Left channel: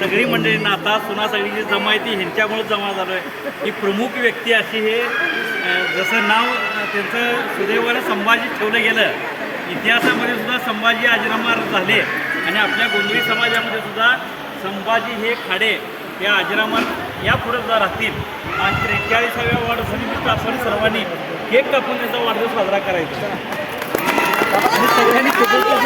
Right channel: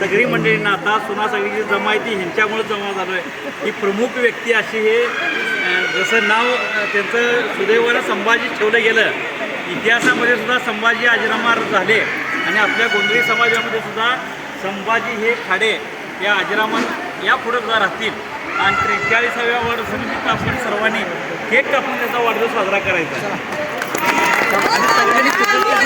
सगळी मंडळींना नाता सुना सगळी जी जमा आहे ती ह्यांच्यामुळे जमा झालो आहे ही प्रमुख व्यक्ती अशी हे जसं नाव त्यांचं सुदैवा संभाजी ठेवलं गेलं इतिहासामध्ये सुद्धा संभाजी आजीरामा झाले आणि आपल्या गोंधळी समाजामध्ये सुद्धा संभाजी हे खाडे त्या या आजीरामा या सुद्धा राहतील आणि त्रेचाळीसाव्या वर्षुरी पाचणी सर्वांनी हे कापून त्याचा सा वाढदिवस साजरा करायचा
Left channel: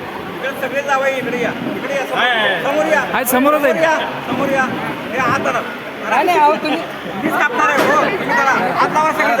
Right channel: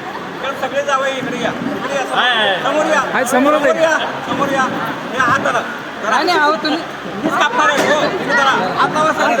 सगळे जावं इकडे या इकडे या सांग समोर या समोर या समोर या हे आता मीच कापणार आहे हो इकडे सगळे